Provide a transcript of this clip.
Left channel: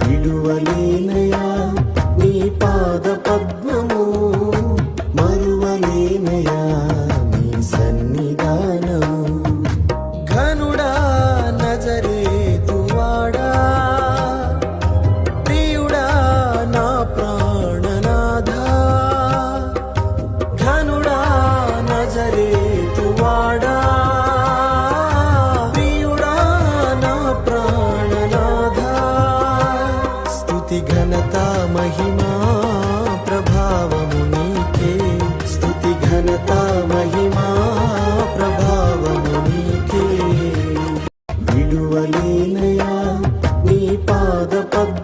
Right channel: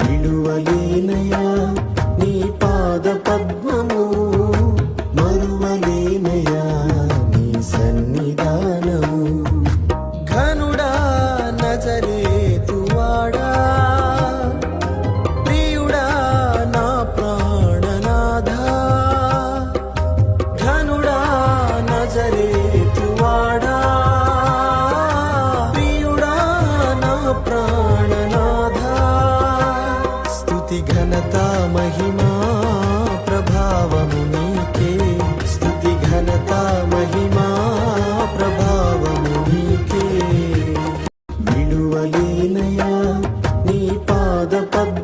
విడువలేనయా నీ పాద పద్మము, మరువలేనయా నీ సన్నిధానము. ఘనుడా నజరేతువాడా, ప్రియుడా నా ప్రాణనాథా. ఘనుడా నజరేతువాడా, ప్రియుడా నా ప్రాణనాథా. స్తుతి ఘనత మహిమా ప్రభావము నీకే, స్తుతి ఘనత మహిమా ప్రభావము నీకే. విడువలేనయా నీ పాద పద్మ